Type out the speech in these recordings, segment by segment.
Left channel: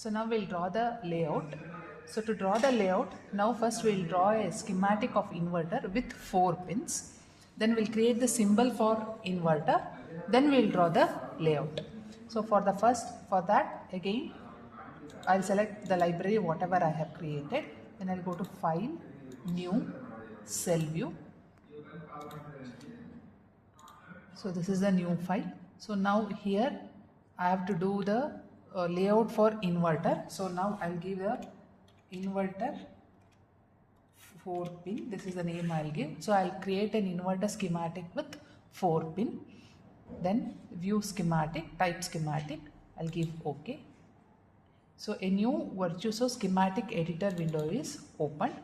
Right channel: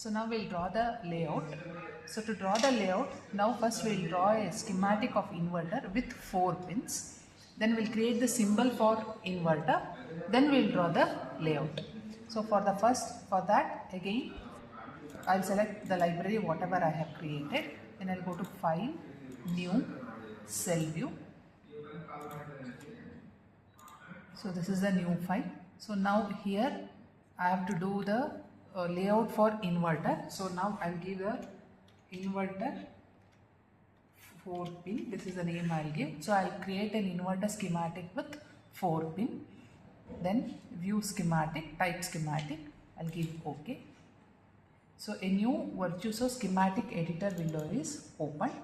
So now we'll draw the layout. So to draw the layout, now first we'll draw a schematic of inverter with 4 pins. Then we'll create the symbol for inverter. Then we'll draw the layout. So for that again, I'll select the library whatever I have created. Then I'll go to File, New, Cell View. So this is the new file. So now here I have to do the layout for inverter. So now I'll give a inverter 4 pin. This is the name I'll give. So I'll create an inverter schematic with 4 pin. Then view schematic, type schematic. I'll give OK. So a new Virtuoso schematic editor window is opened.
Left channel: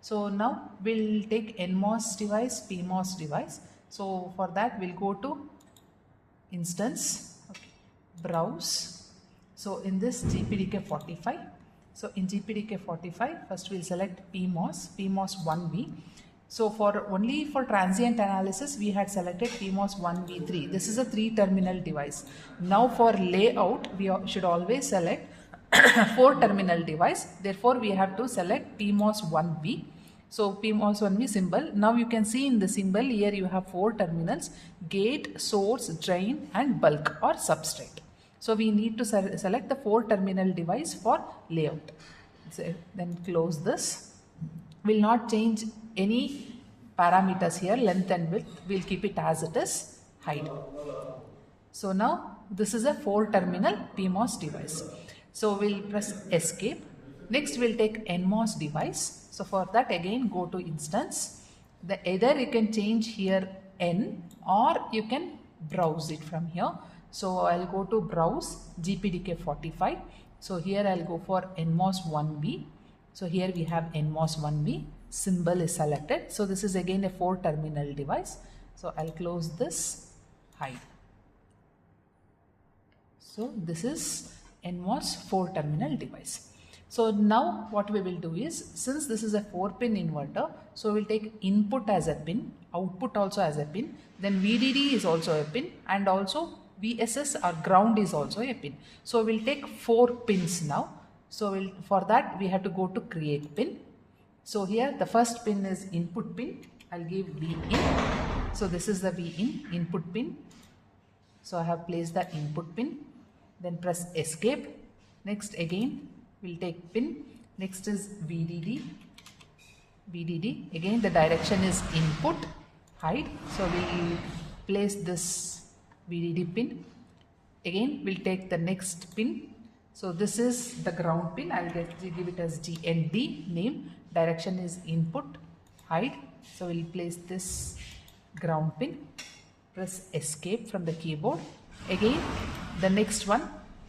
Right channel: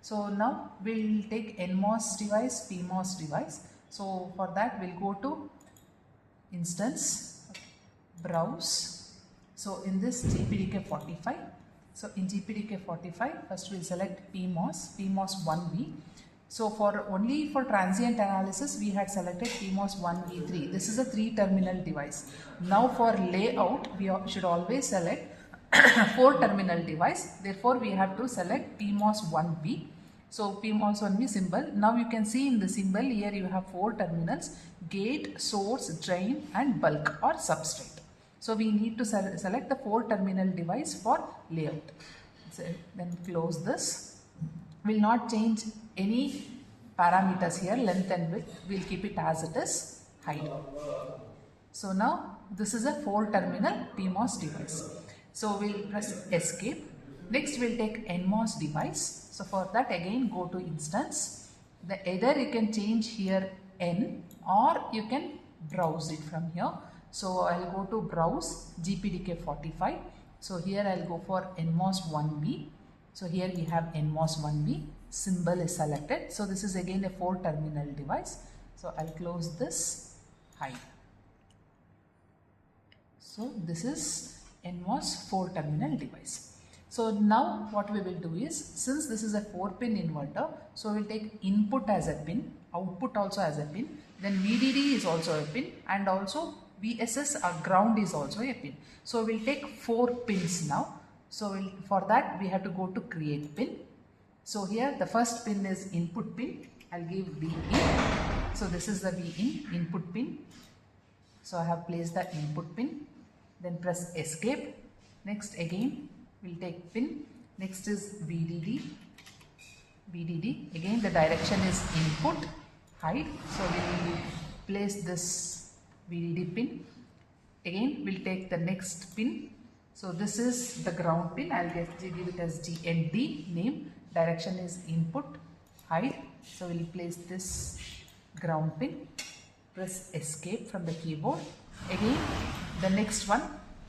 So now we'll take NMOS device, PMOS device. So for that we'll go to instance, browse. So in this GPDK 45. So in GPDK 45, first we'll select PMOS 1V. So only for transient analysis we had selected PMOS 1V3. This is a 3-terminal device. Now for layout we should always select 4-terminal device. Therefore we have to select PMOS 1V. So PMOS 1V symbol. Now you can see in the symbol here you have 4 terminals: gate, source, drain and bulk or substrate. So we need to select the 4-terminal device for layout. So then close this. Will not change any parameters here, length and width. We'll keep it as it is, hide. So now this is a 4-terminal PMOS device. So we'll press escape. Next we'll take NMOS device. So for that again go to instance. Either you can change here N or you can browse it from here. So I'll go to browse GPDK 45. So here I'll go for NMOS 1V. So here we have NMOS 1V. Symbol is selected. So this is again a 4-terminal device. So I'll close this, hide. So this is NMOS 4-terminal device. So now what we will do is, since this is a 4-pin inverter, so we'll take input as a pin, output also as a pin, then VDD is also a pin, and also VSS or ground is also a pin. So we'll take 4 pins now. So for that we have to go to create pin. So here the first pin is input pin. I'll give VIN. So this is the VIN input pin. So I have placed the input pin. Then press escape. Next again we'll take pin. Next is VDD. VDD. Again the direction is input, hide. So we will place this VDD pin. Again we'll take the next pin. So this is the ground pin. I'll give it as GND name. Direction is input, hide. So we'll place this ground pin. Press escape from the keyboard. Again the next one.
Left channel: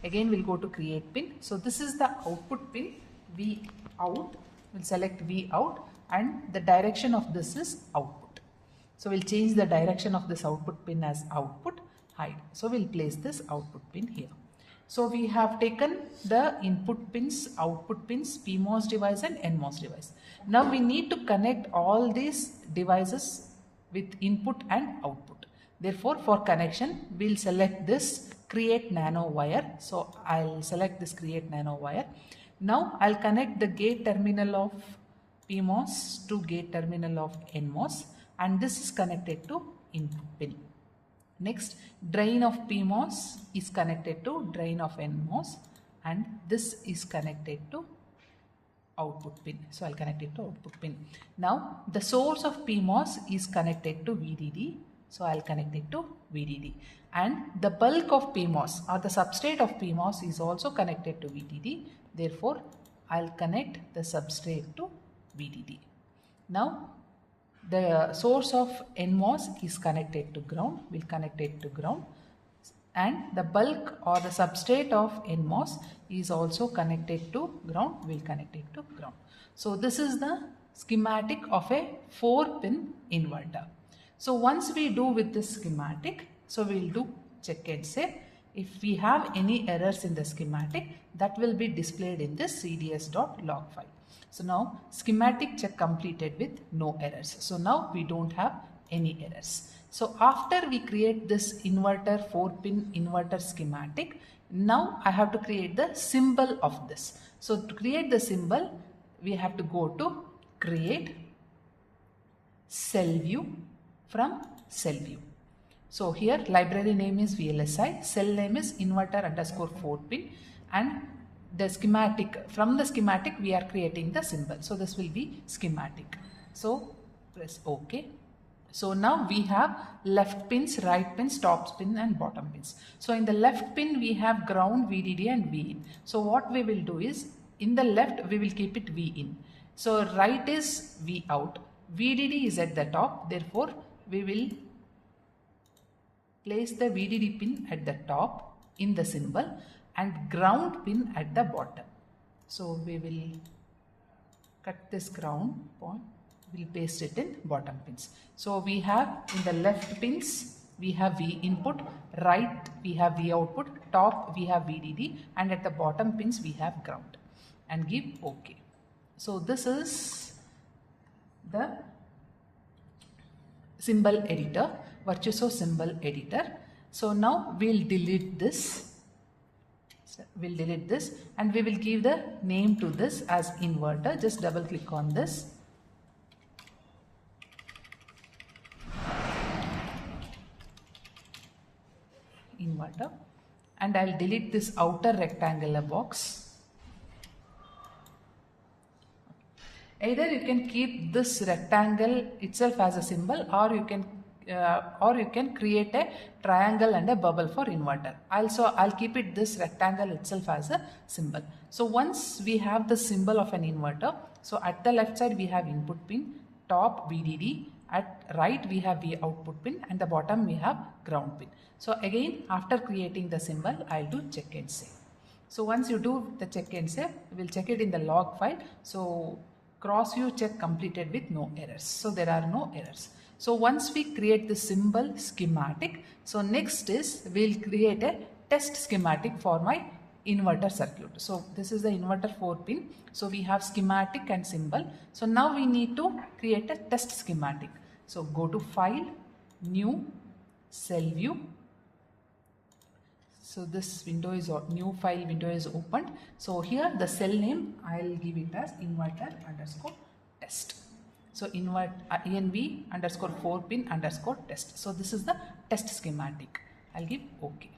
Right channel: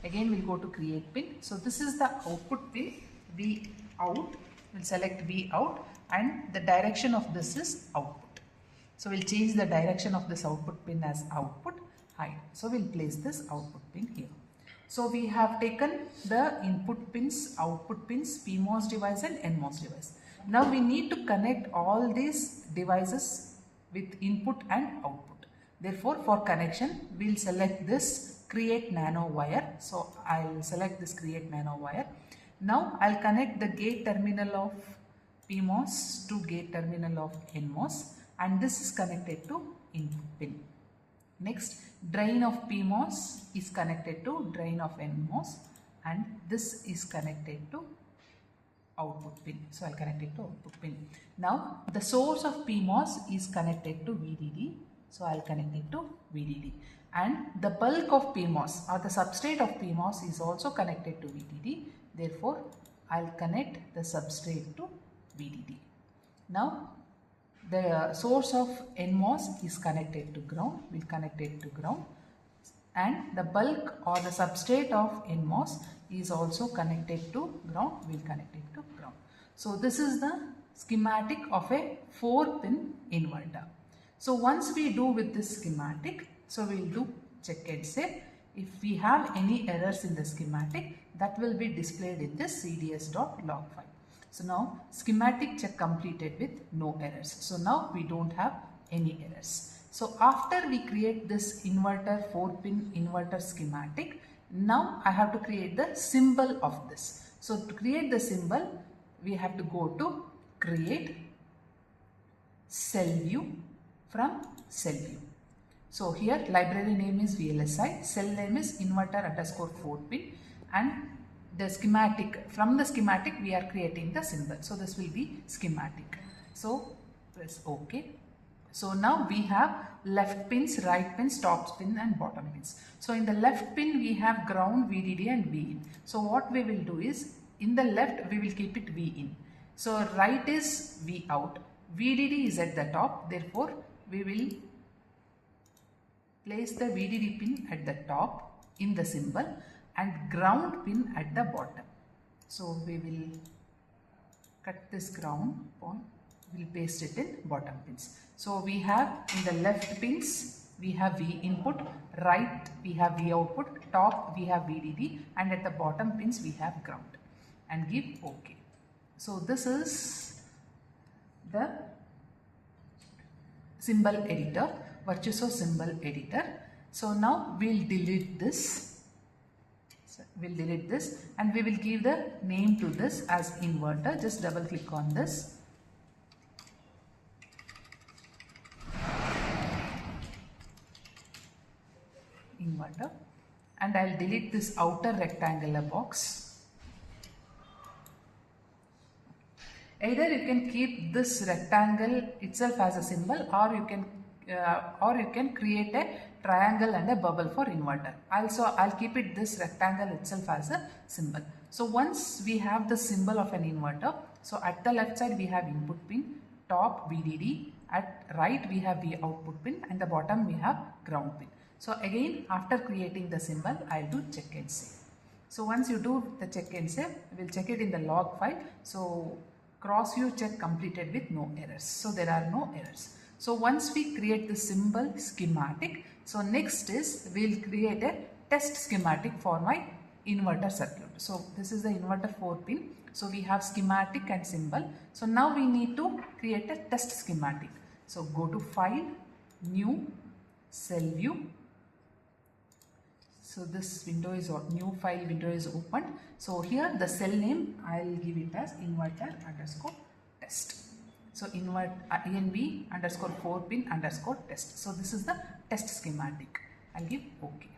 Again we'll go to create pin. So this is the output pin, V out. We'll select V out and the direction of this is output. So we'll change the direction of this output pin as output, hide. So we'll place this output pin here. So we have taken the input pins, output pins, PMOS device and NMOS device. Now we need to connect all these devices with input and output. Therefore for connection we'll select this create nano wire. So I'll select this create nano wire. Now I'll connect the gate terminal of PMOS to gate terminal of NMOS, and this is connected to input pin. Next, drain of PMOS is connected to drain of NMOS, and this is connected to output pin. So I'll connect it to output pin. Now the source of PMOS is connected to VDD. So I'll connect it to VDD. And the bulk of PMOS or the substrate of PMOS is also connected to VDD. Therefore, I'll connect the substrate to VDD. Now, the source of NMOS is connected to ground. We'll connect it to ground. And the bulk or the substrate of NMOS is also connected to ground. We'll connect it to ground. So this is the schematic of a 4-pin inverter. So once we do with this schematic, so we'll do check and save. If we have any errors in the schematic, that will be displayed in this cds.log file. So now schematic check completed with no errors. So now we don't have any errors. So after we create this inverter 4-pin inverter schematic, Now I have to create the symbol of this. So to create the symbol, we have to go to create cell view from cell view. So here library name is VLSI, cell name is inverter underscore 4 pin, and the schematic, from the schematic we are creating the symbol. So this will be schematic. So press OK. So now we have left pins, right pins, top pin and bottom pins. So in the left pin we have ground, VDD and VIN. So what we will do is, in the left we will keep it VIN. So right is V out. VDD is at the top, therefore we will place the VDD pin at the top in the symbol and ground pin at the bottom. So we will cut this ground point, we will paste it in bottom pins. So we have in the left pins we have V input, right we have V output, top we have VDD, and at the bottom pins we have ground, and give OK. So this is the symbol editor, Virtuoso symbol editor. So now we'll delete this. We'll delete this and we will give the name to this as inverter. Just double click on this. Inverter, and I'll delete this outer rectangular box. Either you can keep this rectangle itself as a symbol, or you can create a triangle and a bubble for inverter. Also, I'll keep it this rectangle itself as a symbol. So once we have the symbol of an inverter, so at the left side we have input pin, top VDD, at right we have V output pin, and the bottom we have ground pin. So again, after creating the symbol, I'll do check and save. So once you do the check and save, we'll check it in the log file. So cross view check completed with no errors. So there are no errors. So once we create the symbol schematic, so next is we'll create a test schematic for my inverter circuit. So this is the inverter 4 pin. So we have schematic and symbol. So now we need to create a test schematic. So go to File, New, Cell View. So this window is, new file window is opened. So here the cell name, I'll give it as inverter underscore test. So INV underscore 4 pin underscore test. So this is the test schematic. I'll give OK.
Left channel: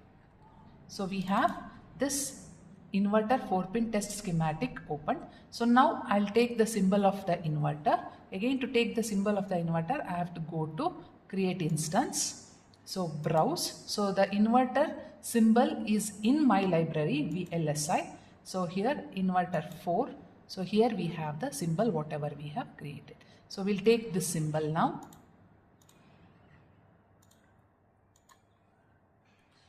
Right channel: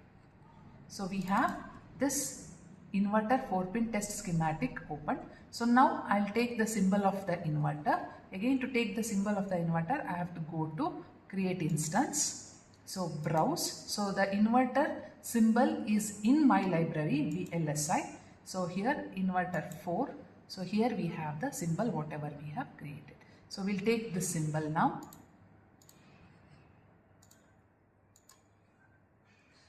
So we have this inverter 4 pin test schematic opened. So now I'll take the symbol of the inverter. Again, to take the symbol of the inverter, I have to go to create instance. So browse. So the inverter symbol is in my library VLSI. So here inverter 4. So here we have the symbol whatever we have created. So we'll take this symbol now.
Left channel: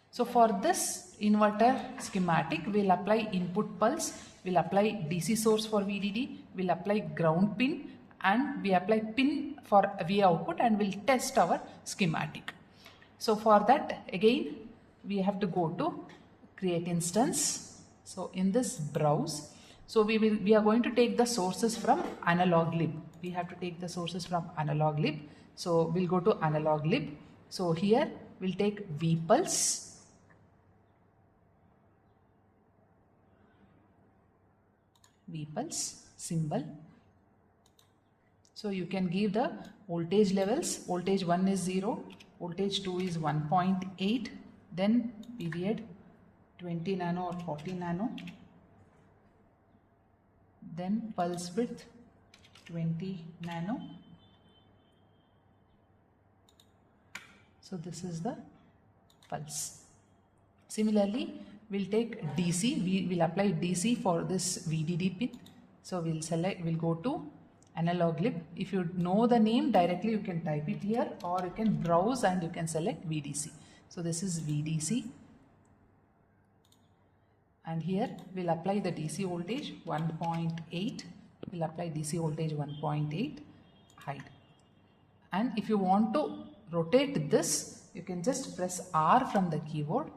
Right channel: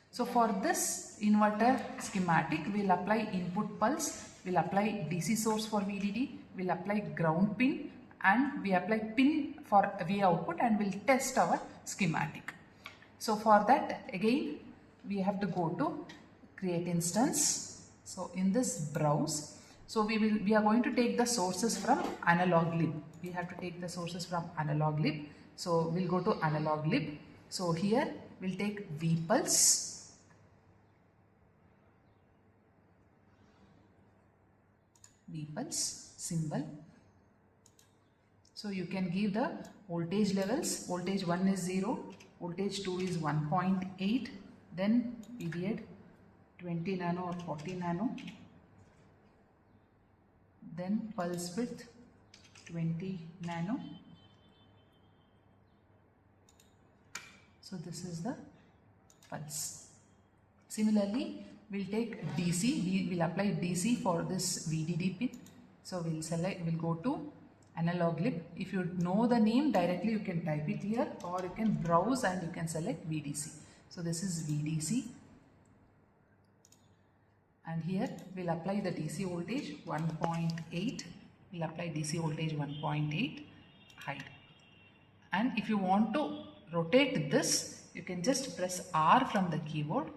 So for this inverter schematic, we'll apply input pulse, we'll apply DC source for VDD, we'll apply ground pin, and we apply pin for V output, and we'll test our schematic. So for that, again, we have to go to create instance. So in this browse, so we are going to take the sources from analog lib. We have to take the sources from analog lib. So we'll go to analog lib. So here we'll take vpulse. Vpulse symbol. So you can give the voltage levels. Voltage 1 is 0, voltage 2 is 1.8, then period 20 nano or 40 nano, then pulse width 20 nano. So this is the pulse. Similarly, we'll take DC. We will apply DC for this VDD pin. So we'll select, we'll go to analog lib. If you know the name directly, you can type it here, or you can browse and you can select VDC. So this is VDC, and here we'll apply the DC voltage 1.8. We'll apply DC voltage 1.8, hide. And if you want to rotate this, you can just press R from the keyboard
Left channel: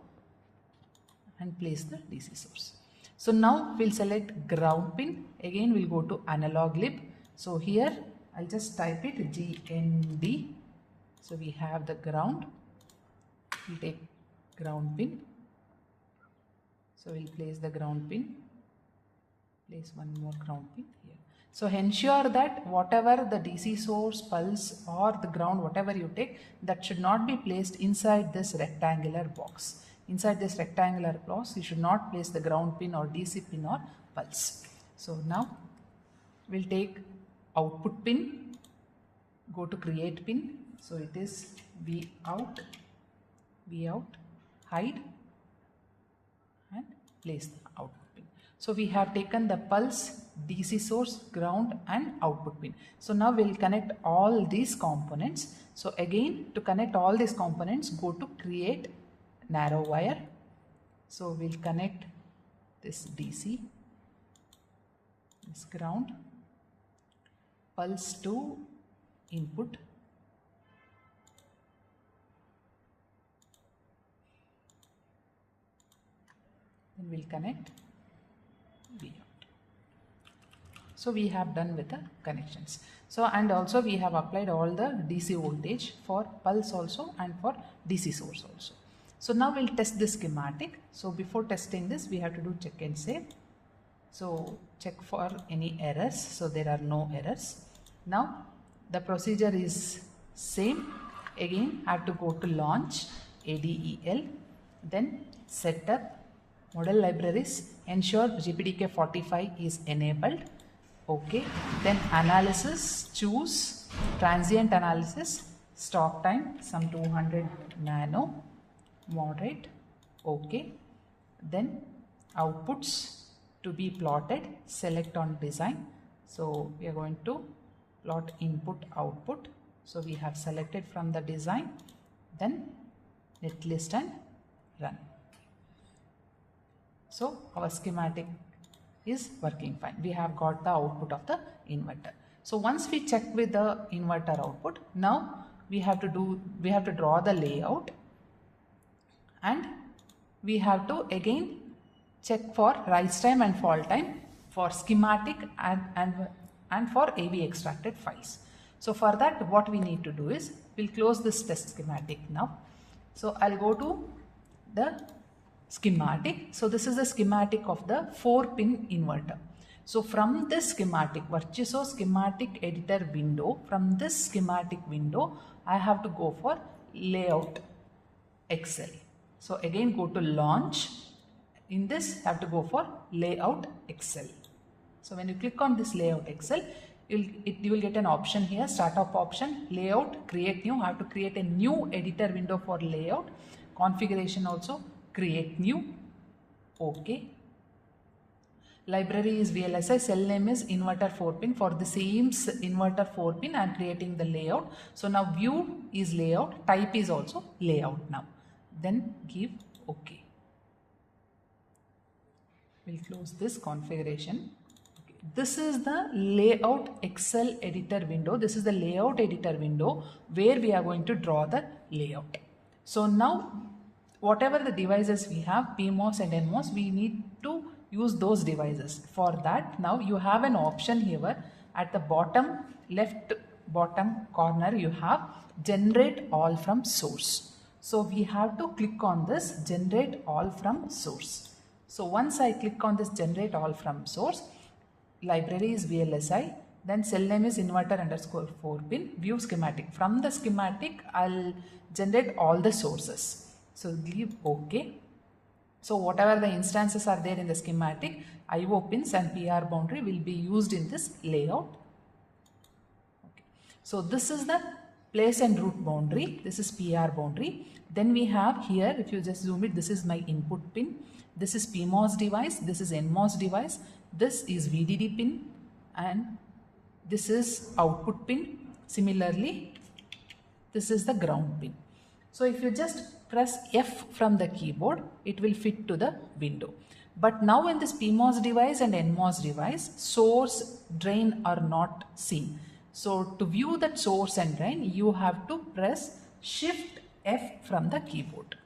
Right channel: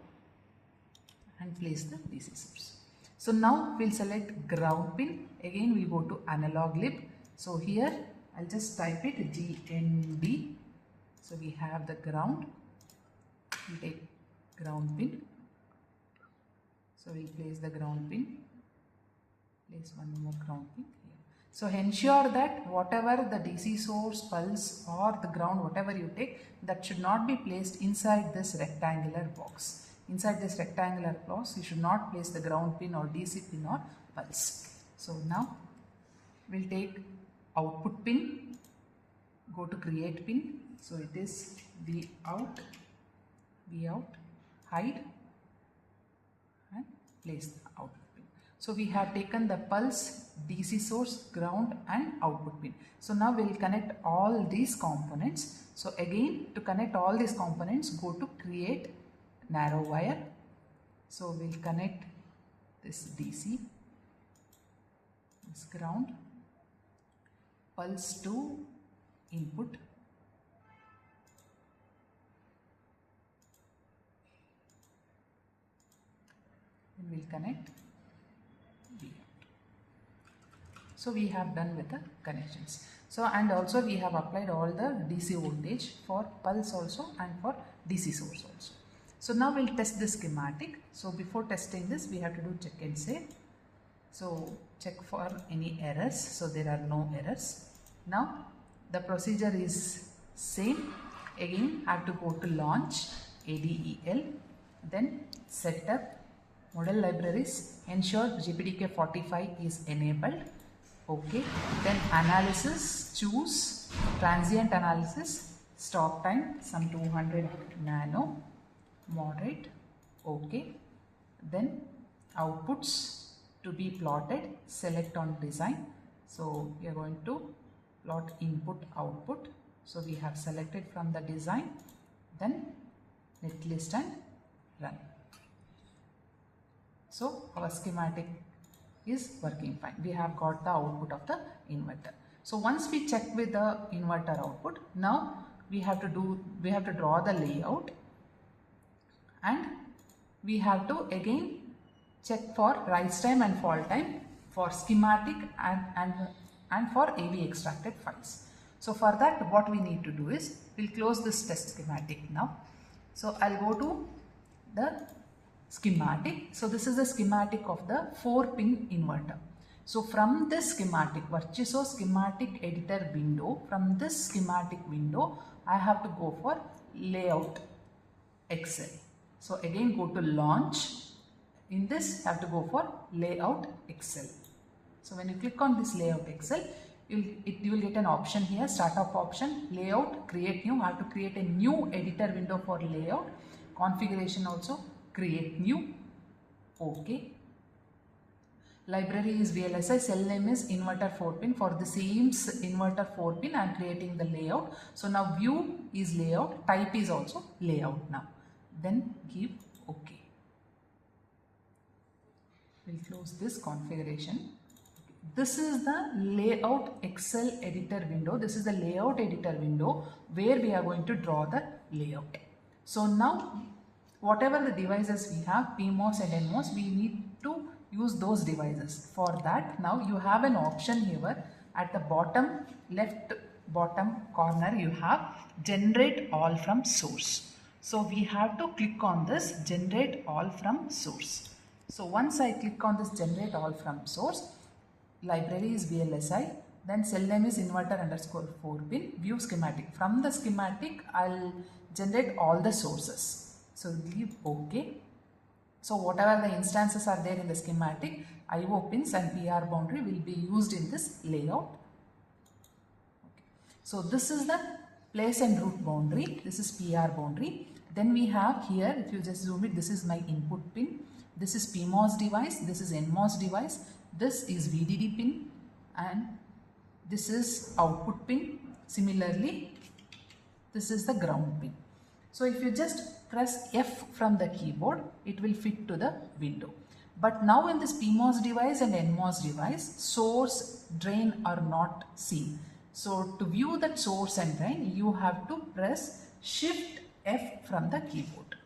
and place the DC source. So now we'll select ground pin. Again we'll go to analog lib. So here I'll just type it GND. So we have the ground. We'll take ground pin. So we'll place the ground pin, place one more ground pin here. So ensure that whatever the DC source, pulse or the ground, whatever you take, that should not be placed inside this rectangular box. Inside this rectangular box, you should not place the ground pin or DC pin or pulse. So now we'll take output pin, go to create pin. So it is V out, hide and place the output pin. So we have taken the pulse, DC source, ground and output pin. So now we'll connect all these components. So again, to connect all these components, go to create narrow wire. So we'll connect this DC, this ground, pulse to input, then we'll connect V out. So we have done with the connections. So and also we have applied all the DC voltage for pulse also and for DC source also. So now we'll test this schematic. So before testing this, we have to do check and save. So check for any errors. So there are no errors. Now the procedure is same. Again, I have to go to launch, ADEL, then setup, model libraries, ensure GPDK 45 is enabled. Okay. Then analysis, choose transient analysis, stop time, some 200 nano, moderate. Okay. Then outputs to be plotted, select on design. So we are going to plot input output. So we have selected from the design, then netlist and run. So our schematic is working fine. We have got the output of the inverter. So once we check with the inverter output, now we have to draw the layout and we have to again check for rise time and fall time for schematic and for AV extracted files. So for that, what we need to do is we'll close this test schematic now. So I'll go to the schematic. So this is the schematic of the 4-pin inverter. So from this schematic, Virtuoso schematic editor window, from this schematic window, I have to go for layout Excel. So again go to launch. In this, I have to go for layout Excel. So when you click on this layout Excel, you will get an option here, startup option, layout, create new. I have to create a new editor window for layout, configuration also, create new, okay. Library is VLSI, cell name is inverter 4-pin. For the same inverter 4-pin, I am creating the layout. So now view is layout, type is also layout now. Then give okay. We'll close this configuration. This is the layout Excel editor window. This is the layout editor window where we are going to draw the layout. So now whatever the devices we have, PMOS and NMOS, we need to use those devices. For that, now you have an option here at the bottom left bottom corner, you have generate all from source. So we have to click on this generate all from source. So once I click on this generate all from source, library is VLSI, then cell name is inverter underscore 4-pin, view schematic. From the schematic, I'll generate all the sources. So give OK. So whatever the instances are there in the schematic, IO pins and PR boundary will be used in this layout. Okay. So this is the place and route boundary. This is PR boundary. Then we have here, if you just zoom it, this is my input pin. This is PMOS device. This is NMOS device. This is VDD pin and this is output pin. Similarly, this is the ground pin. So if you just press F from the keyboard, it will fit to the window. But now in this PMOS device and NMOS device, source, drain are not seen. So to view that source and drain, you have to press Shift F from the keyboard.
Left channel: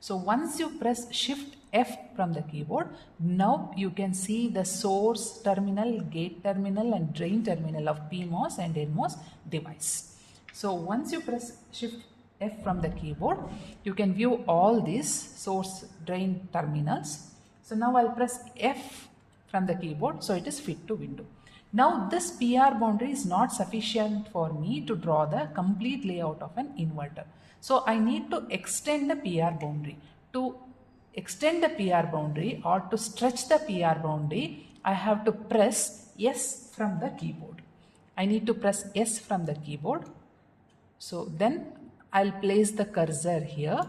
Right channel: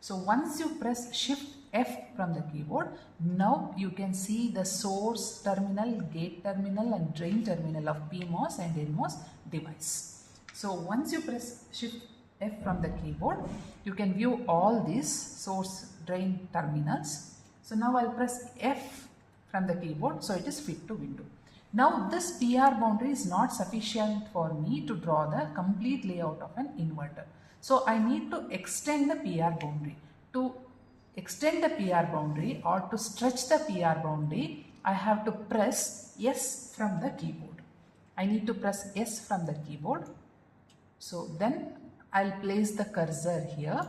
So once you press Shift F from the keyboard, now you can see the source terminal, gate terminal and drain terminal of PMOS and NMOS device. So once you press Shift F from the keyboard, you can view all these source drain terminals. So now I'll press F from the keyboard, so it is fit to window. Now this PR boundary is not sufficient for me to draw the complete layout of an inverter. So I need to extend the PR boundary. To extend the PR boundary or to stretch the PR boundary, I have to press S from the keyboard. I need to press S from the keyboard. So then I'll place the cursor here.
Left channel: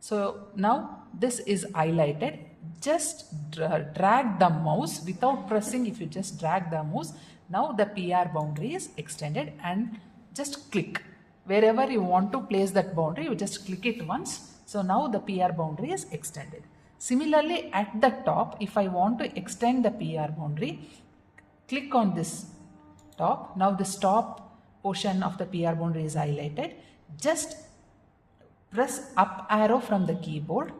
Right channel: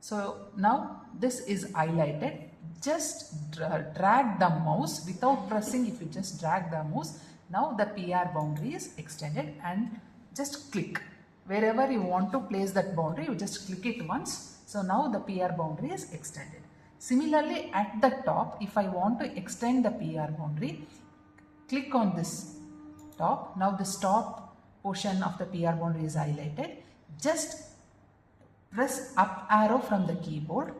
So now this is highlighted. Just drag the mouse without pressing. If you just drag the mouse, now the PR boundary is extended, and just click. Wherever you want to place that boundary, you just click it once. So now the PR boundary is extended. Similarly, at the top, if I want to extend the PR boundary, click on this top. Now this top portion of the PR boundary is highlighted. Just press up arrow from the keyboard.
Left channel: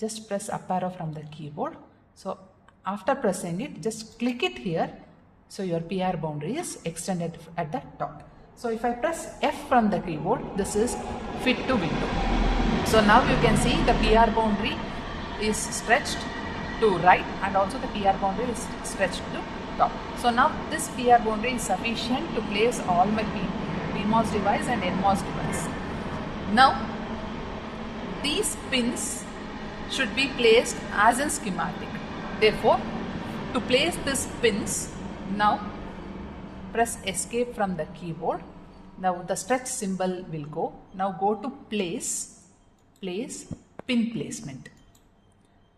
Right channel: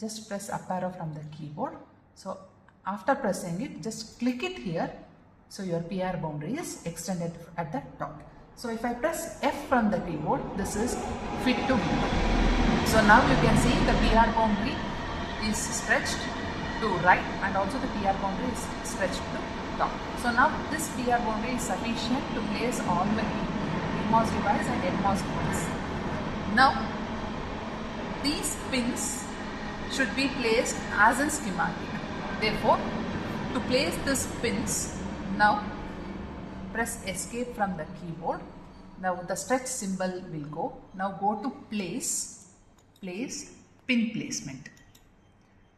Just press up arrow from the keyboard. So after pressing it, just click it here. So your PR boundary is extended at the top. So if I press F from the keyboard, this is fit to window. So now you can see the PR boundary is stretched to right, and also the PR boundary is stretched to top. So now this PR boundary is sufficient to place all my PMOS device and NMOS device. Now these pins should be placed as in schematic. Therefore, to place these pins, now press escape from the keyboard. Now the stretch symbol will go. Now go to place pin placement.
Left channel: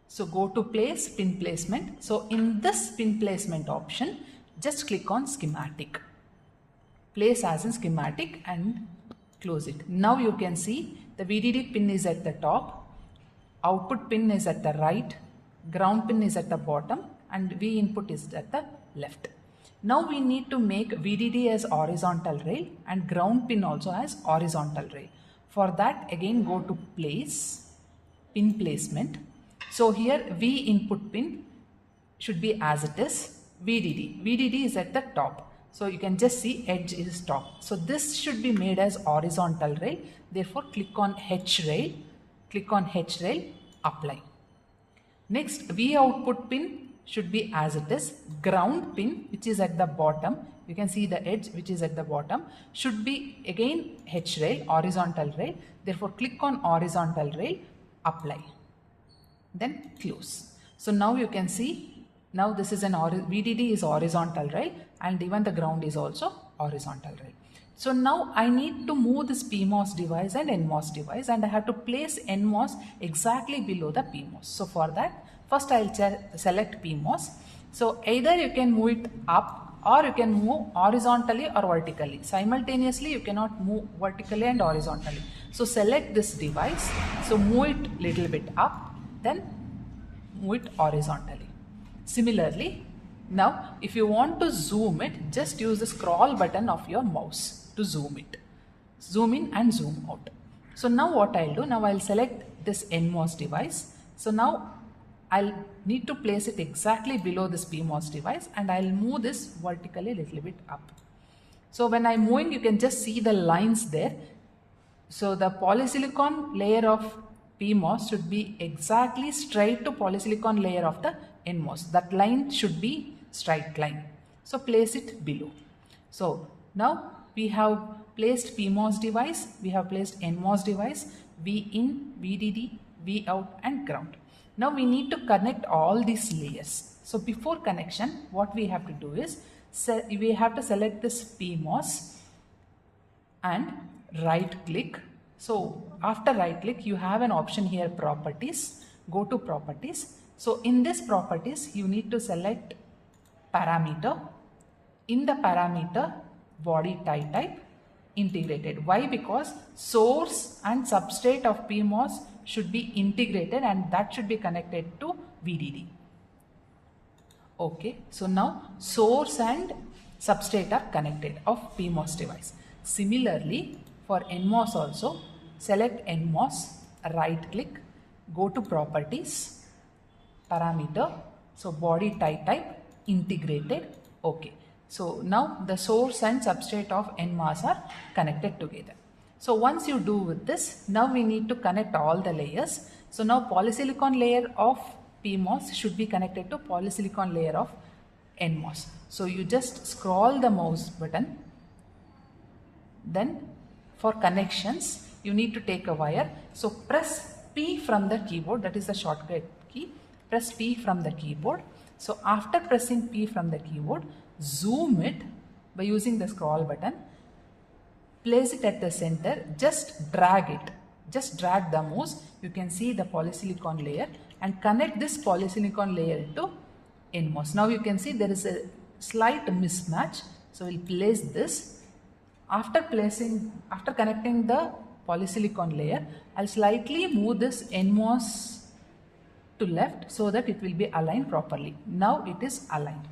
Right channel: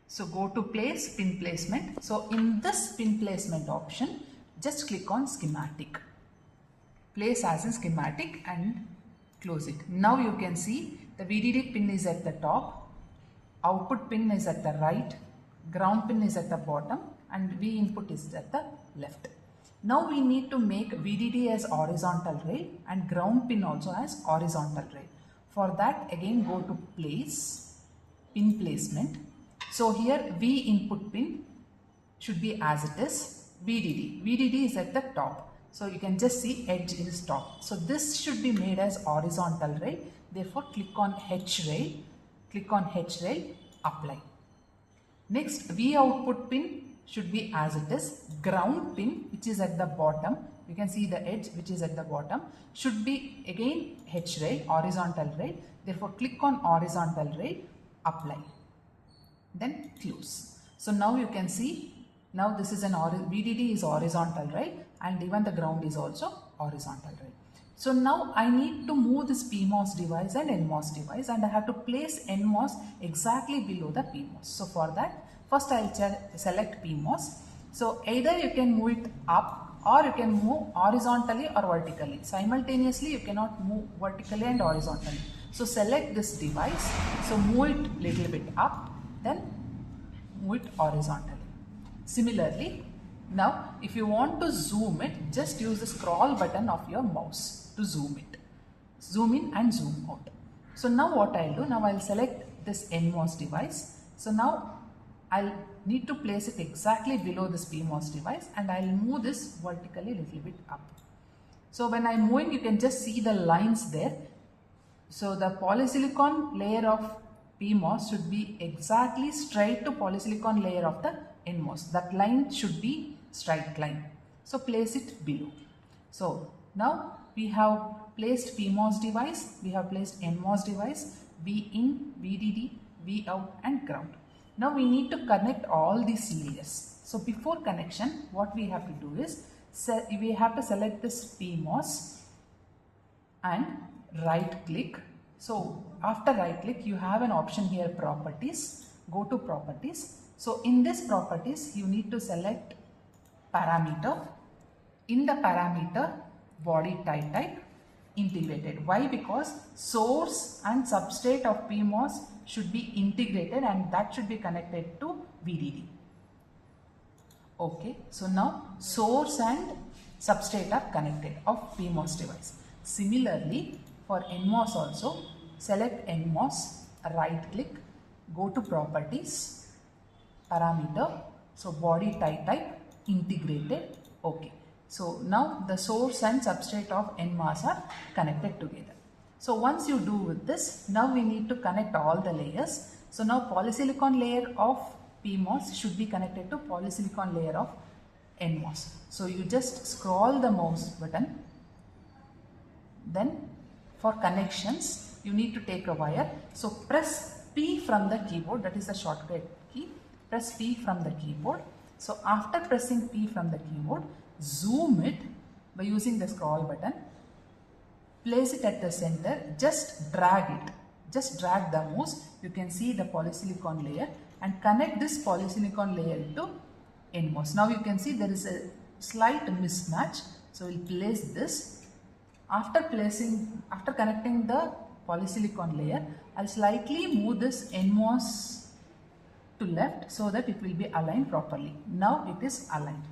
So go to place pin placement. So in this pin placement option, just click on schematic. Place as in schematic and close it. Now you can see the VDD pin is at the top. Output pin is at the right, ground pin is at the bottom, and V input is at the left. Now we need to make VDD as horizontal rail and ground pin also as horizontal rail. For that, again go to place, pin placement. So here V input pin should be as it is, VDD. VDD is at the top. So you can just see edge is top. So this should be made as horizontal rail. Therefore click on H rail. Click on H rail, apply. Next, V output pin should be as it is. Ground pin, which is at the bottom, you can see the edge which is at the bottom, should be again H rail, horizontal rail. Therefore click on horizontal rail, apply. Then close. So now you can see, now this is an VDD is horizontal rail, and even the ground is also horizontal rail. So now I need to move this PMOS device and NMOS device, and I have to place NMOS exactly below the PMOS. So for that, first I'll select PMOS. So either you can move it up or you can move horizontally or vertically. Simultaneously you cannot move vertically and horizontally. So select this device. So move it little bit up, then move it horizontally. Similarly, now if you want to zoom it, just use the scroll button of your mouse to zoom it. Zoom in and zoom out. So now what I'll do, now I'll select this NMOS device. So now I'll need to place it exactly below this PMOS device, and I'll move this vertically a little bit up. So when I'm moving, you can just see the lines there. So the polysilicon layer of PMOS should be exactly straight to polysilicon layer of the NMOS. That line should be straight line. So place it below. So now we have placed PMOS device, we have placed NMOS device, V in, VDD, V out and ground. Now we need to connect all these layers. So before connection, what we have to do is, we have to select this PMOS and right click. So after right click, you have an option here, properties. Go to properties. So in this properties, you need to select parameter. In the parameter, body type integrated. Why? Because source and substrate of PMOS should be integrated, and that should be connected to VDD. Okay, so now source and substrate are connected of PMOS device. Similarly, for NMOS also, select NMOS, right click, go to properties, parameter, so body type integrated. Okay. So now the source and substrate of NMOS are connected together. So once you do with this, now we need to connect all the layers. So now polysilicon layer of PMOS should be connected to polysilicon layer of NMOS. So you just scroll the mouse button. Then for connections, you need to take a wire. So press P from the keyboard, that is the shortcut key. Press P from the keyboard. So after pressing P from the keyboard, zoom it by using the scroll button. Place it at the center, just drag it. Just drag the mouse. You can see the polysilicon layer and connect this polysilicon layer to NMOS. Now you can see there is a slight mismatch. So we'll place this. After connecting the polysilicon layer, I'll slightly move this NMOS to left so that it will be aligned properly. Now it is aligned.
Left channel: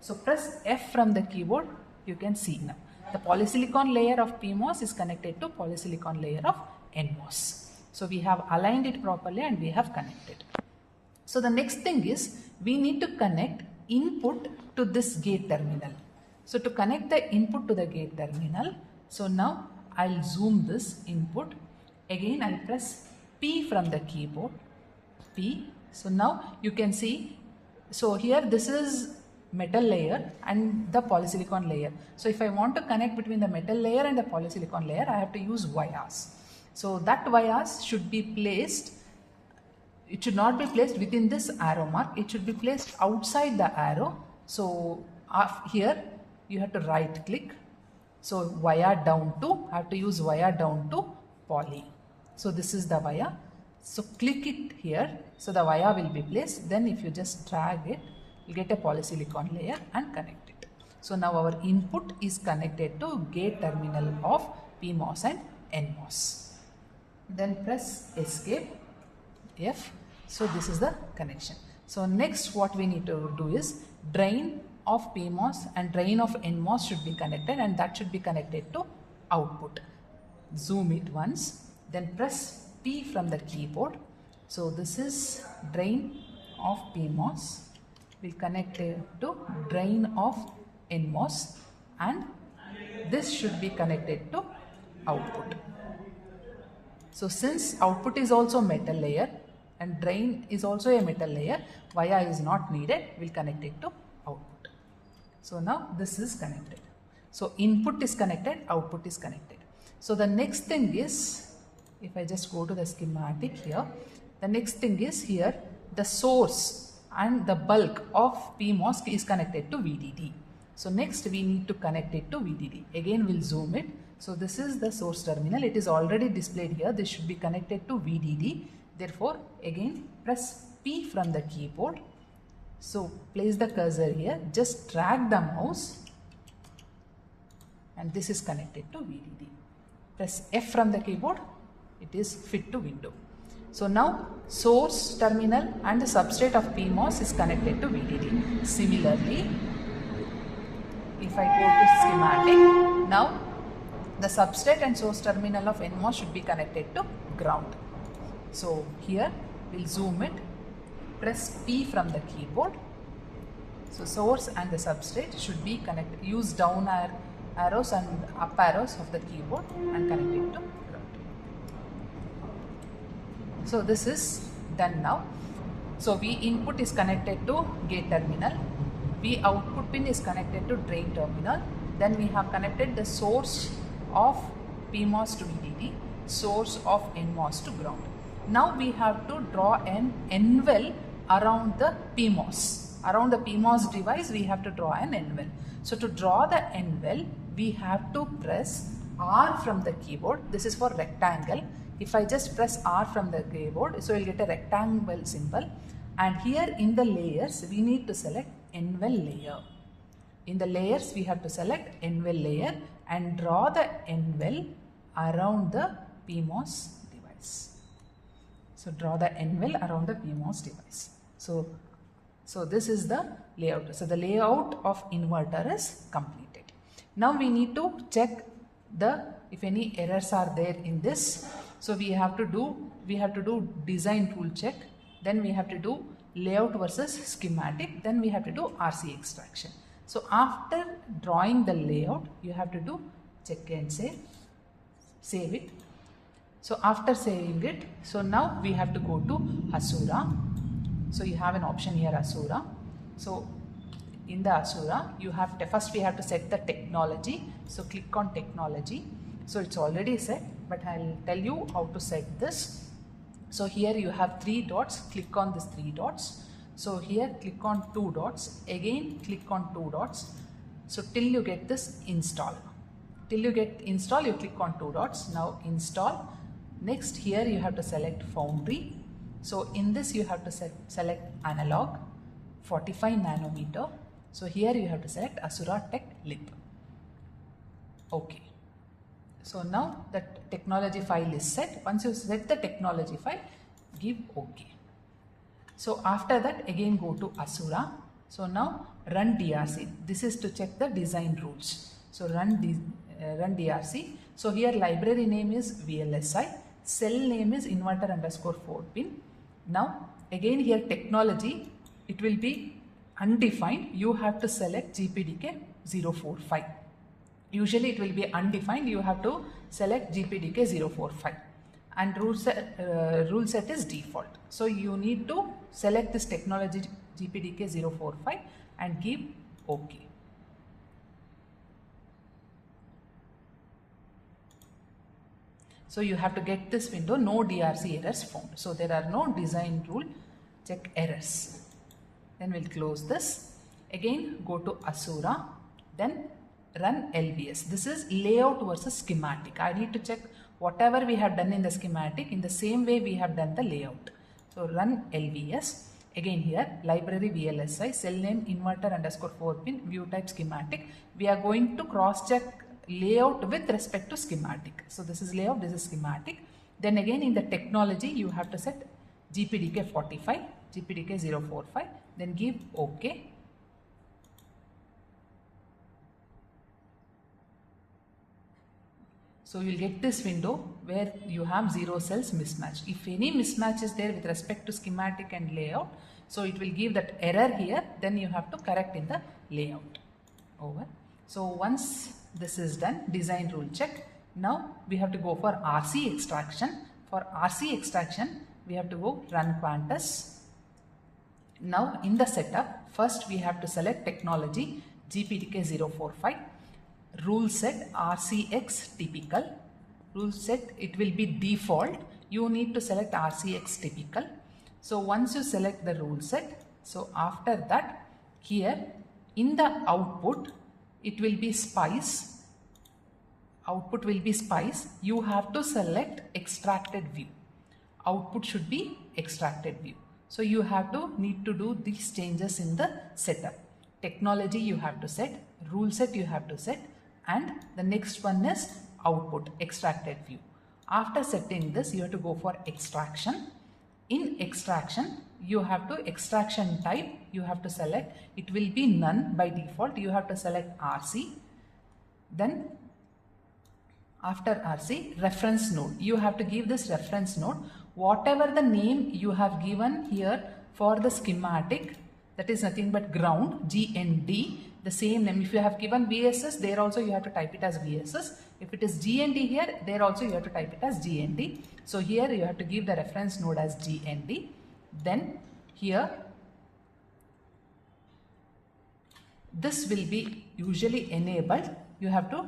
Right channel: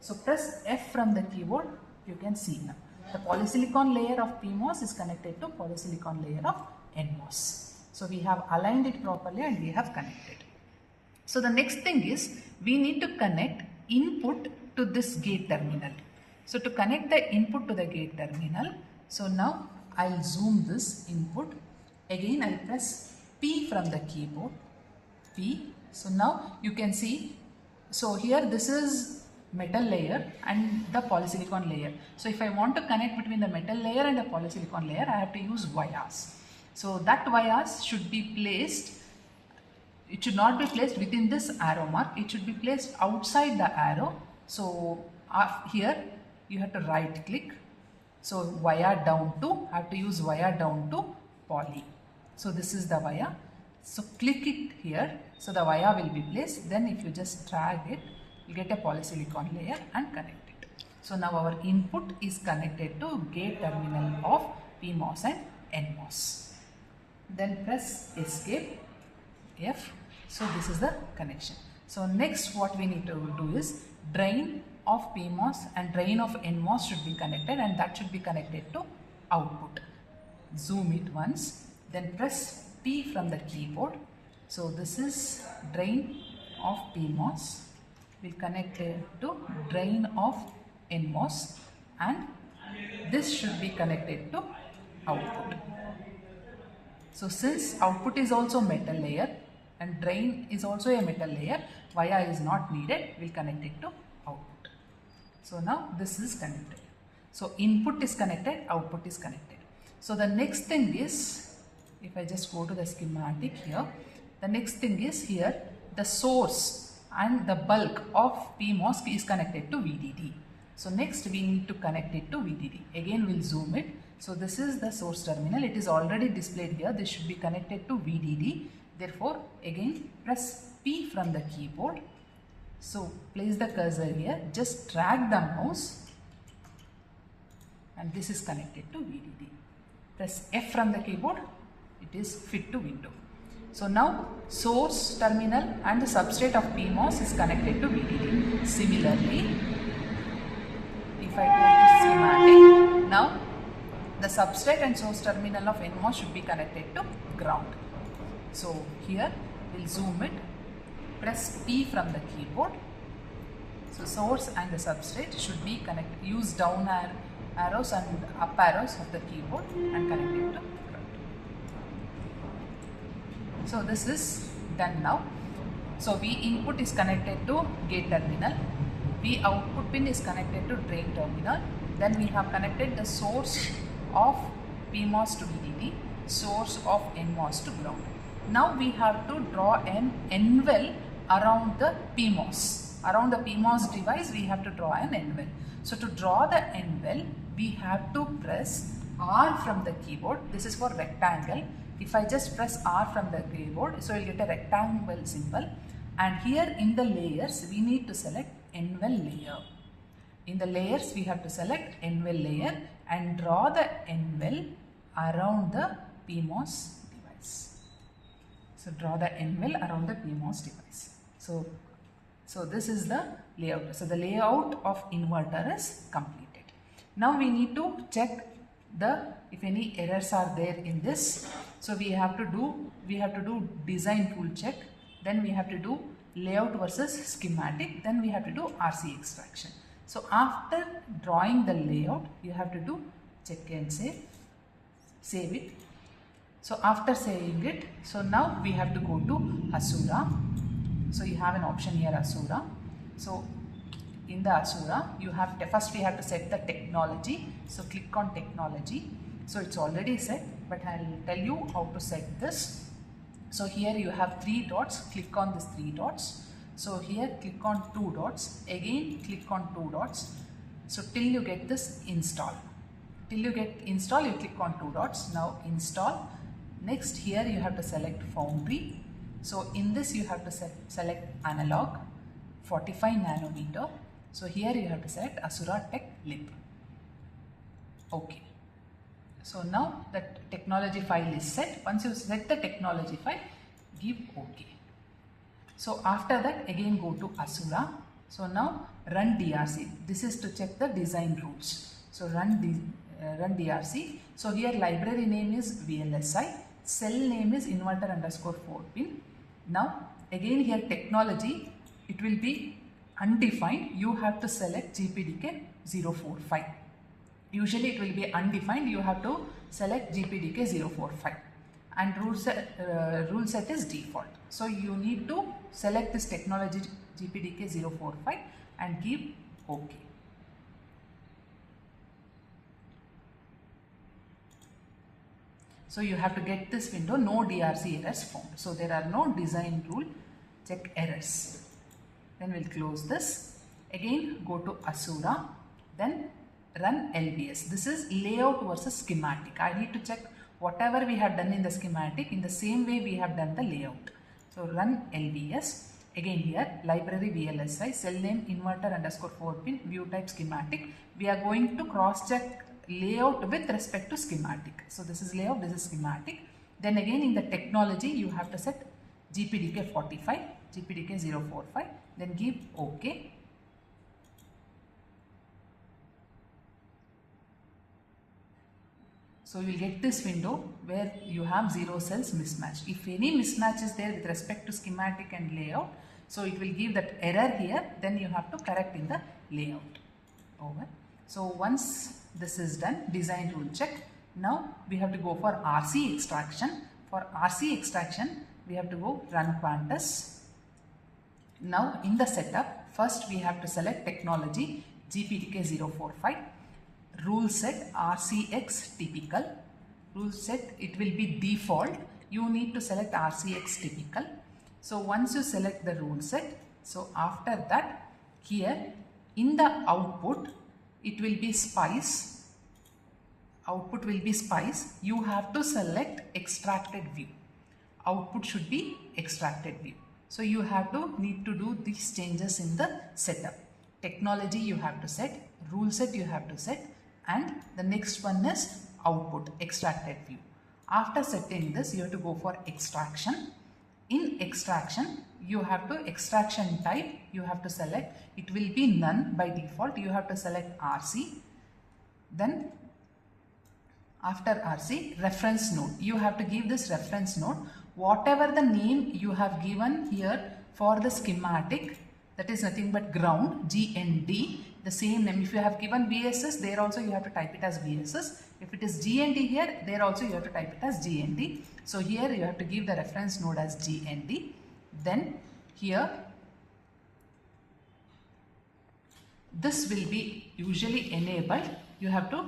So press F from the keyboard, you can see now. The polysilicon layer of PMOS is connected to polysilicon layer of NMOS. So we have aligned it properly and we have connected. So the next thing is we need to connect input to this gate terminal. So to connect the input to the gate terminal, so now I'll zoom this input. Again I'll press P from the keyboard. P. So now you can see, so here this is metal layer and the polysilicon layer. So if I want to connect between the metal layer and the polysilicon layer, I have to use wires. So that wires should be placed, it should not be placed within this arrow mark, it should be placed outside the arrow. So here you have to right click. So wire down to, I have to use wire down to poly. So this is the wire. So click it here. So the wire will be placed. Then if you just drag it, you get a polysilicon layer and connect it. So now our input is connected to gate terminal of PMOS and NMOS. Then press escape, F. So this is the connection. So next what we need to do is drain of PMOS and drain of NMOS should be connected, and that should be connected to output. Zoom it once, then press P from the keyboard. So this is drain of PMOS. We'll connect it to drain of NMOS, and this should be connected to output. So since output is also metal layer and drain is also a metal layer, wire is not needed, we'll connect it to output. So now this is connected. So input is connected, output is connected. So the next thing is, if I just go to the schematic here, the next thing is here the source and the bulk of PMOS is connected to VDD. So next we need to connect it to VDD. Again we'll zoom it. So this is the source terminal. It is already displayed here. This should be connected to VDD. Therefore again press P from the keyboard. So place the cursor here. Just drag the mouse and this is connected to VDD. Press F from the keyboard. It is fit to window. So now source terminal and the substrate of PMOS is connected to VDD. Similarly, if I go to schematic, now the substrate and source terminal of NMOS should be connected to ground. So here we'll zoom it, press P from the keyboard. So source and the substrate should be connected. Use down arrows and up arrows of the keyboard and connect it to ground. So this is done now. So V input is connected to gate terminal. V output pin is connected to drain terminal. Then we have connected the source of PMOS to VDD, source of NMOS to ground. Now we have to draw an N-well around the PMOS. Around the PMOS device we have to draw an N-well. So to draw the N-well, we have to press R from the keyboard. This is for rectangle. If I just press R from the keyboard, so you'll get a rectangle symbol. And here in the layers, we need to select N-well layer. In the layers, we have to select N-well layer and draw the N-well around the PMOS device. So draw the N-well around the PMOS device. So this is the layout. So the layout of inverter is completed. Now we need to check if any errors are there in this. So we have to do design tool check. Then we have to do layout versus schematic. Then we have to do RC extraction. So after drawing the layout, you have to do check and save it. So after saving it, so now we have to go to Hasura. So you have an option here, Asura. So in the Asura, you have to, first we have to set the technology. So click on technology. So it's already set, but I'll tell you how to set this. So here you have 3 dots, click on these 3 dots. So here click on 2 dots, again click on 2 dots. So till you get this install. Till you get install, you click on 2 dots. Now install. Next here you have to select Foundry. So in this you have to select analog 45 nanometer. So here you have to select Asura Tech Lip. Okay. So now that technology file is set. Once you set the technology file, give OK. So after that again go to Asura. So now run DRC. This is to check the design rules. So run DRC. So here library name is Vlsi. Cell name is inverter underscore 4 pin. Now again here technology, it will be undefined. You have to select GPDK 045. Usually it will be undefined. You have to select GPDK 045 and rule set is default. So you need to select this technology GPDK 045 and give OK. So you have to get this window, no DRC errors found. So there are no design rule check errors. Then we'll close this. Again go to Asura, then run LBS. This is layout versus schematic. I need to check whatever we have done in the schematic in the same way we have done the layout. So run LBS. Again here library VLSI, cell name inverter underscore 4 pin, view type schematic. We are going to cross check layout with respect to schematic. So this is layout, this is schematic. Then again in the technology you have to set GPDK 45, GPDK 045, then give OK. So you will get this window where you have 0 cells mismatch. If any mismatch is there with respect to schematic and layout, so it will give that error here, then you have to correct in the layout. Over. So once this is done, design rule check. Now we have to go for RC extraction. For RC extraction, we have to go run Quantus. Now in the setup, first we have to select technology GPDK 045. Rule set RCX typical. Rule set, it will be default. You need to select RCX typical. So once you select the rule set, so after that here in the output it will be spice. Output will be spice. You have to select extracted view. Output should be extracted view. So you need to do these changes in the setup. Technology you have to set, rule set you have to set, and the next one is output, extracted view. After setting this, you have to go for extraction. In extraction, you have to extraction type, you have to select, it will be none by default. You have to select RC. Then after RC, reference node. You have to give this reference node. Whatever the name you have given here for the schematic, that is nothing but ground, GND. The same name. If you have given VSS, there also you have to type it as VSS. If it is GND here, there also you have to type it as GND. So here you have to give the reference node as GND. Then here, this will be usually enabled. You have to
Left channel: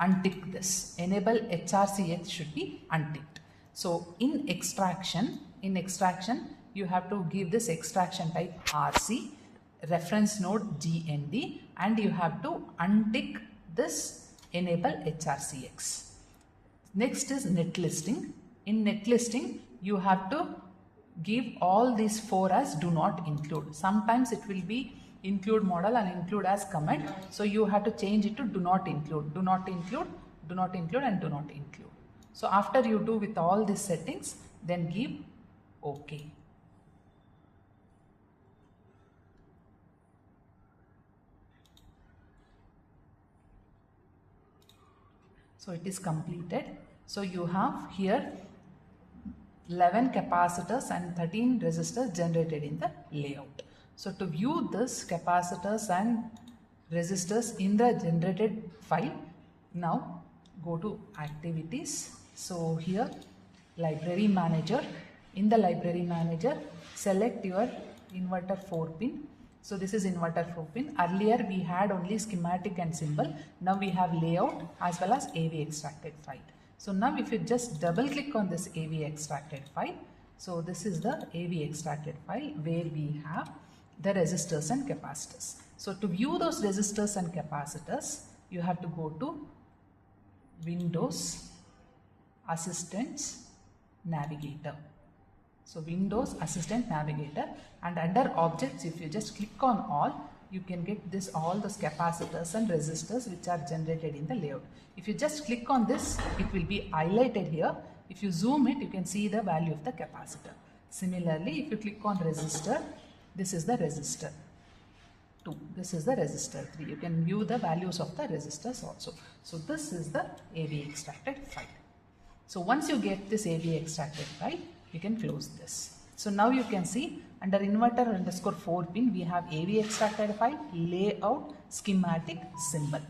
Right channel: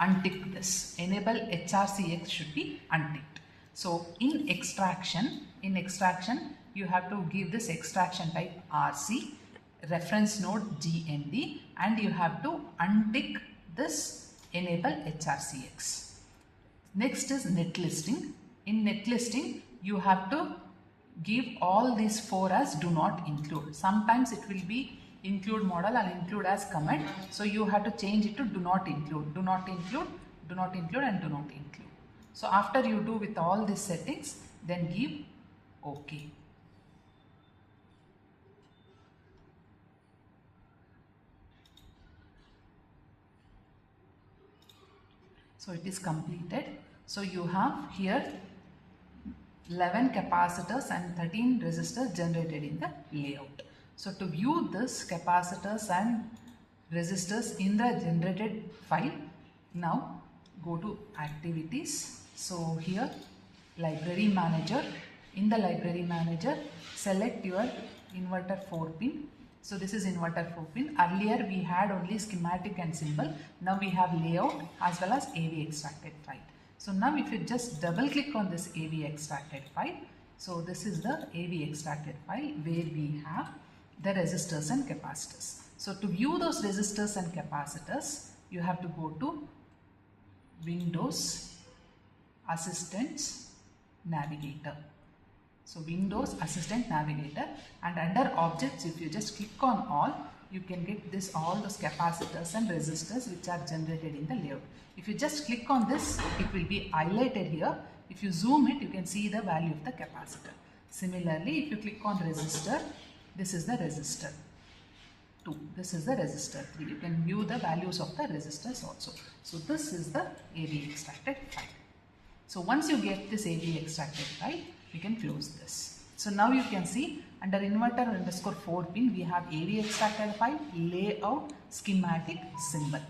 untick this. Enable HRCX should be unticked. So in extraction, you have to give this extraction type RC, reference node GND, and you have to untick this enable HRCX. Next is net listing. In net listing, you have to give all these 4 as do not include. Sometimes it will be include model and include as comment. So you have to change it to do not include, do not include, do not include, and do not include. So after you do with all these settings, then give OK. So it is completed. So you have here 11 capacitors and 13 resistors generated in the layout. So to view this capacitors and resistors in the generated file, now go to activities. So here library manager, in the library manager select your inverter 4 pin. So this is inverter 4 pin. Earlier we had only schematic and symbol. Now we have layout as well as AV extracted file. So now if you just double click on this AV extracted file, so this is the AV extracted file where we have the resistors and capacitors. So to view those resistors and capacitors, you have to go to Windows, Assistants, Navigator. So Windows, Assistant, Navigator, and under Objects, if you just click on all, you can get this all those capacitors and resistors which are generated in the layout. If you just click on this, it will be highlighted here. If you zoom it, you can see the value of the capacitor. Similarly, if you click on resistor, this is the resistor 2, this is the resistor 3. You can view the values of the resistors also. So this is the AV extracted file. So once you get this AV extracted file, we can close this. So now you can see under inverter underscore 4 pin, we have AV extracted file, layout, schematic, symbol.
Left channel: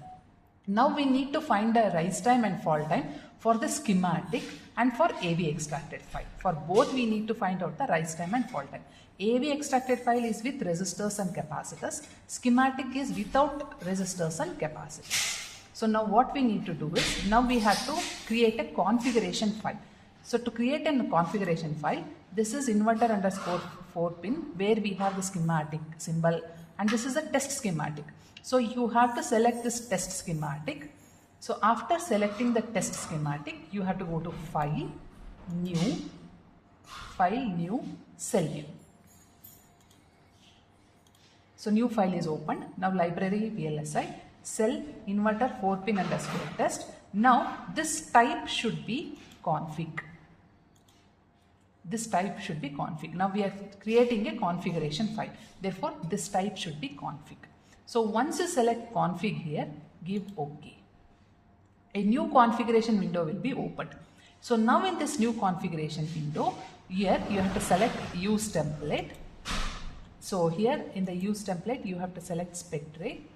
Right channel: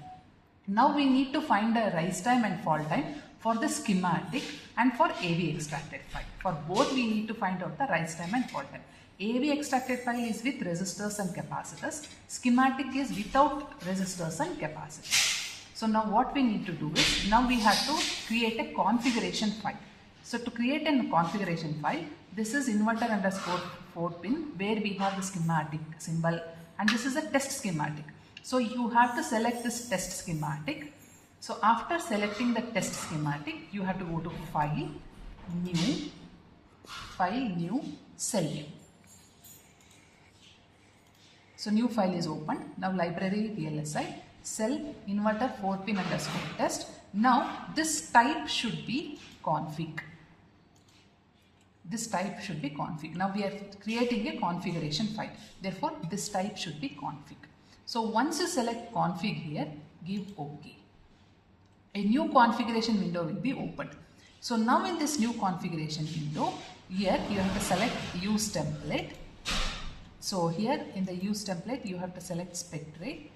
Now we need to find a rise time and fall time for the schematic and for AV extracted file. For both we need to find out the rise time and fall time. AV extracted file is with resistors and capacitors. Schematic is without resistors and capacitors. So now what we need to do is, now we have to create a configuration file. So to create a configuration file, this is inverter underscore 4 pin where we have the schematic symbol, and this is a test schematic. So you have to select this test schematic. So after selecting the test schematic, you have to go to File, New, Cell New. So new file is opened. Now library Vlsi, cell inverter 4 pin underscore test. Now this type should be config. This type should be config. Now we are creating a configuration file. Therefore this type should be config. So once you select config here, give OK. A new configuration window will be opened. So now in this new configuration window, here you have to select use template. So here in the use template, you have to select spec tray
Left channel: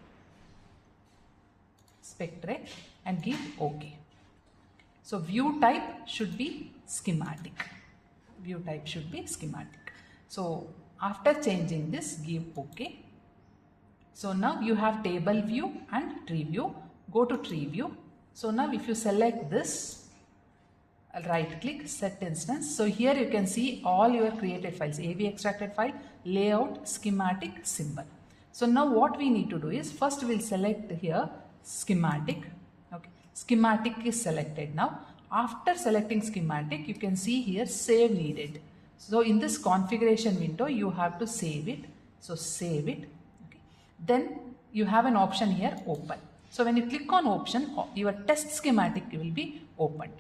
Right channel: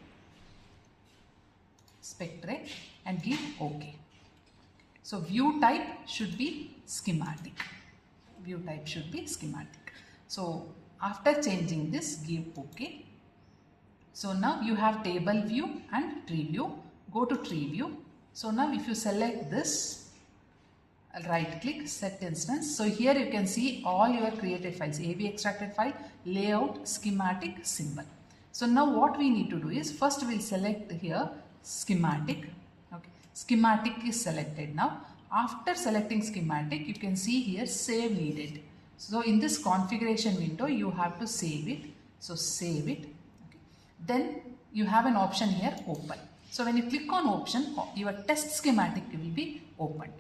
and give OK. So view type should be schematic. View type should be schematic. So after changing this, give OK. So now you have table view and tree view. Go to tree view. So now if you select this, right click, set instance. So here you can see all your created files, AV extracted file, layout, schematic, symbol. So now what we need to do is, first we'll select here schematic. Okay, schematic is selected now. After selecting schematic, you can see here save needed. So in this configuration window, you have to save it. So save it. Okay. Then you have an option here, open. So when you click on option, your test schematic will be opened.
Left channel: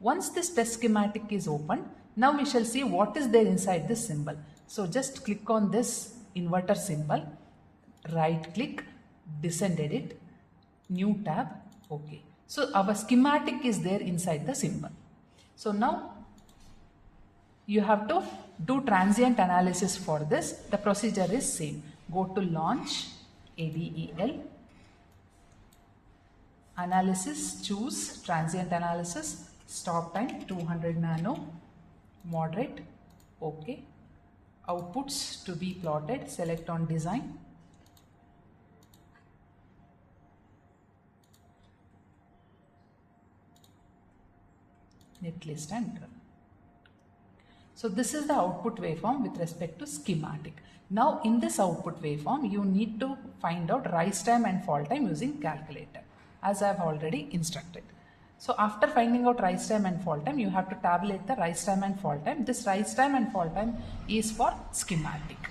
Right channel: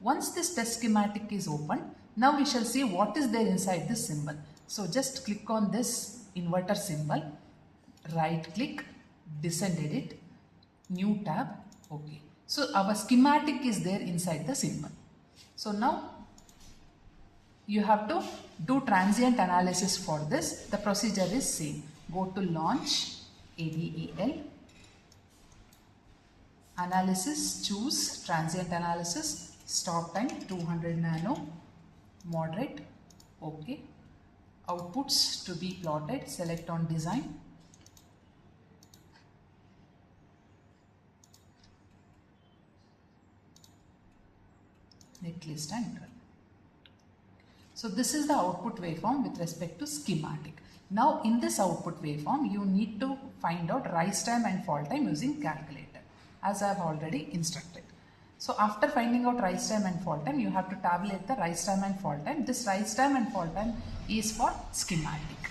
Once this test schematic is opened, now we shall see what is there inside this symbol. So just click on this inverter symbol, right click, descend edit, new tab, OK. So our schematic is there inside the symbol. So now you have to do transient analysis for this. The procedure is same. Go to launch, ADEL, analysis, choose transient analysis, stop time 200 nano, moderate, OK. Outputs to be plotted, select on design. Netlist and run. So this is the output waveform with respect to schematic. Now in this output waveform, you need to find out rise time and fall time using calculator, as I have already instructed. So after finding out rise time and fall time, you have to tabulate the rise time and fall time. This rise time and fall time is for schematic.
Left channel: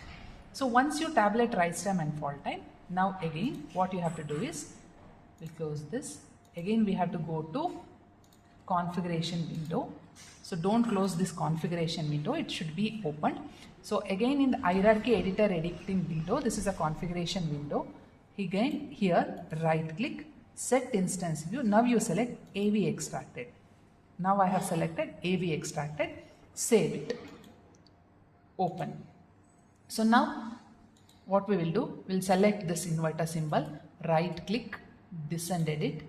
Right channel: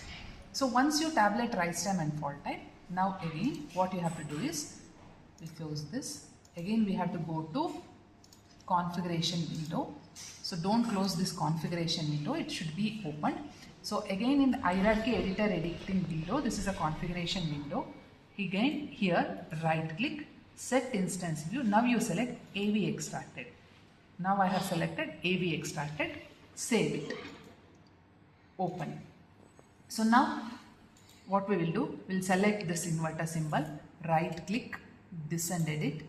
So once you tabulate rise time and fall time, now again what you have to do is, we'll close this. Again we have to go to configuration window. So don't close this configuration window, it should be opened. So again in the hierarchy editor editing window, this is a configuration window. Again here right click, set instance view. Now you select AV extracted. Now I have selected AV extracted, save it, open. So now what we will do, we'll select this inverter symbol, right click, descend edit,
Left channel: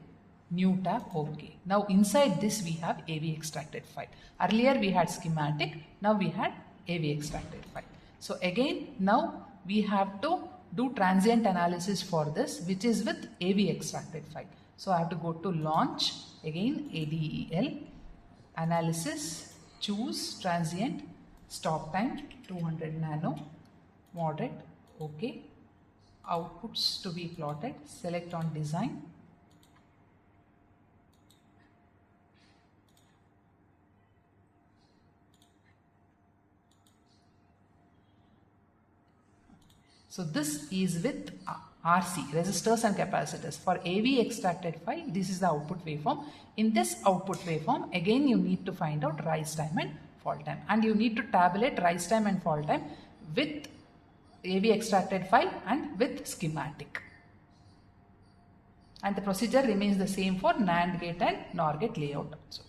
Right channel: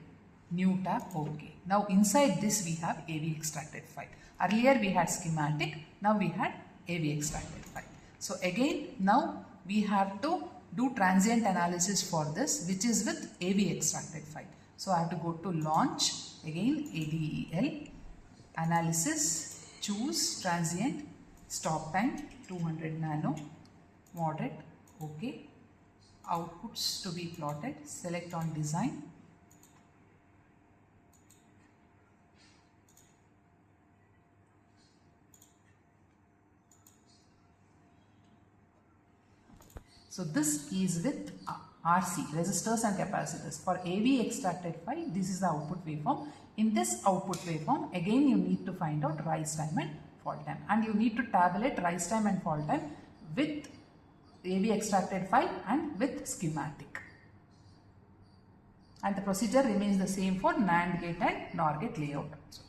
new tab, OK. Now inside this we have AV extracted file. Earlier we had schematic, now we had AV extracted file. So again, now we have to do transient analysis for this, which is with AV extracted file. So I have to go to launch, again ADEL, analysis, choose transient, stop time 200 nano, moderate, OK. Outputs to be plotted, select on design. So this is with RC, resistors and capacitors. For AV extracted file, this is the output waveform. In this output waveform, again you need to find out rise time and fall time. And you need to tabulate rise time and fall time with AV extracted file and with schematic. And the procedure remains the same for NAND gate and NOR gate layout also.